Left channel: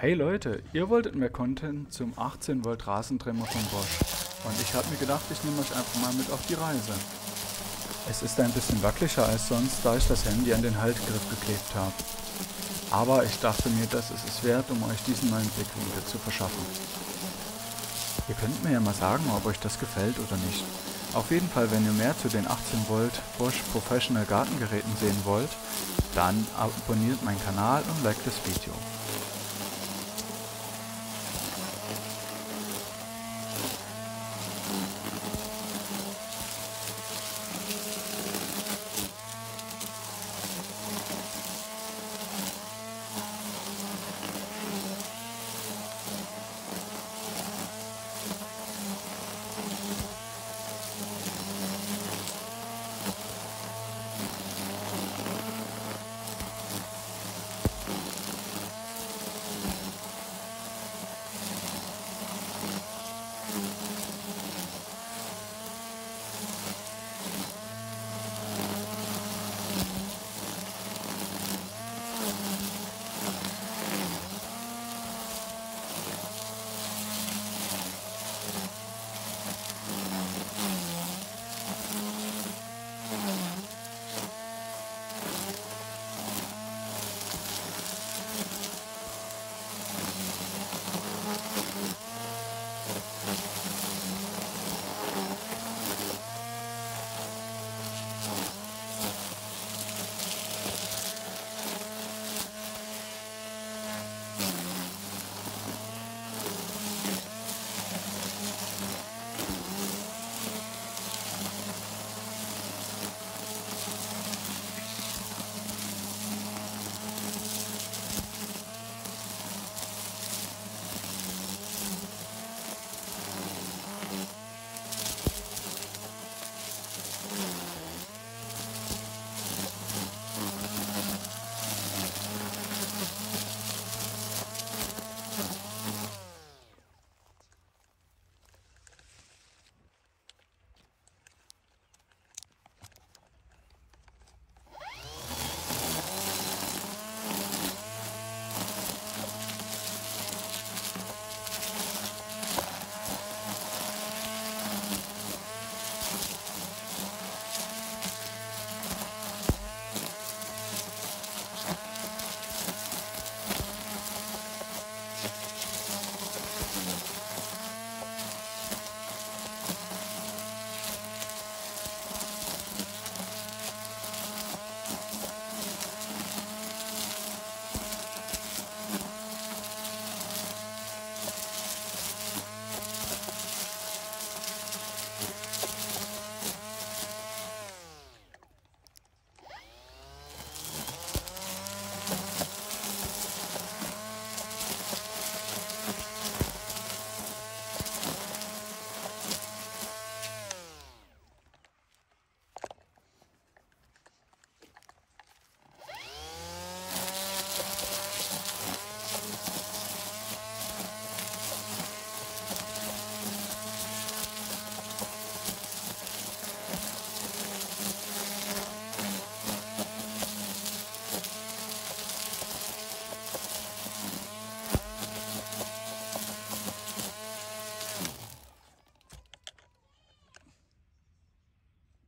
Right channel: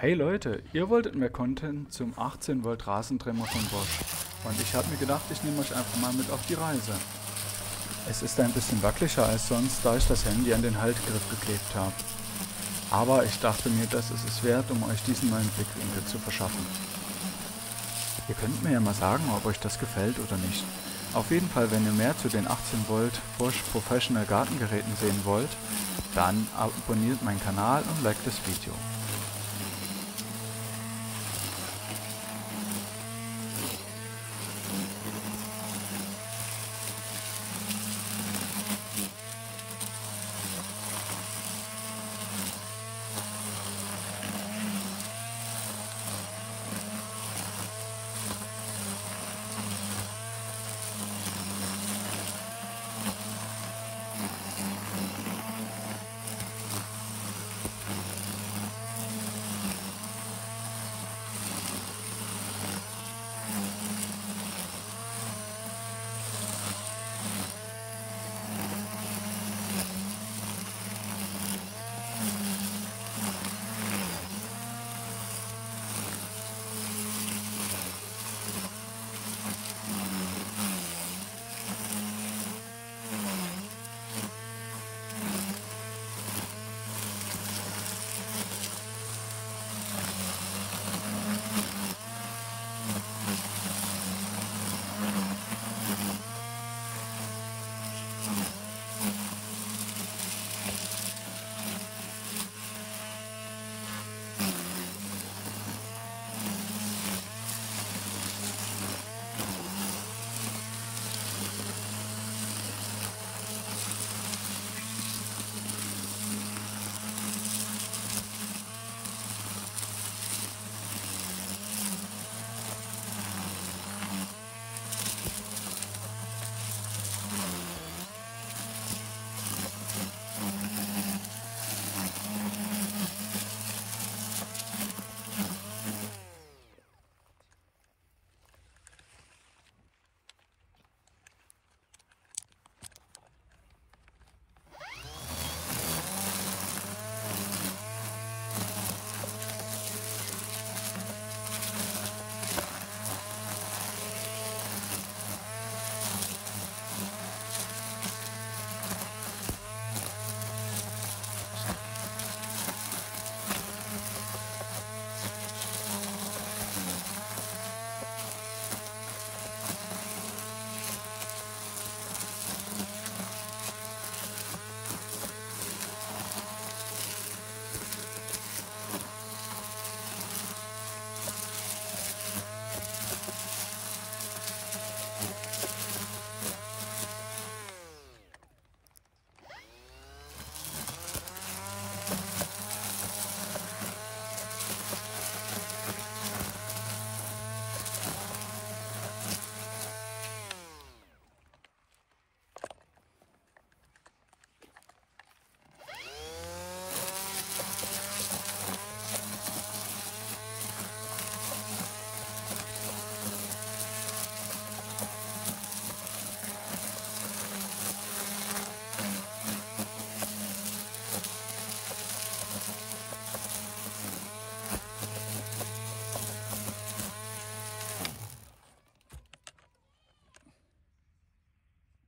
Hey Leute, ihr wolltet mehr Content zum 18 Volt Rasentrimmer von Bosch und ich habe mir gedacht, ich nehme euch einfach mal mit auf die Reise. Es ist ein bisschen wackeliger als sonst, da ich das Handy an den Haltegriff geklebt habe. Aber ich dachte mir, das ist es wert, um euch diesen neuen Blickwinkel zu verschaffen. Ihr könnt mir ja mal sagen, ob euch das gefällt oder nicht. Auf jeden Fall, wenn ihr mehr zu den 18 Volt Bosch Professional Gartengeräten sehen wollt, dann abonniert meinen Kanal und liked das Video.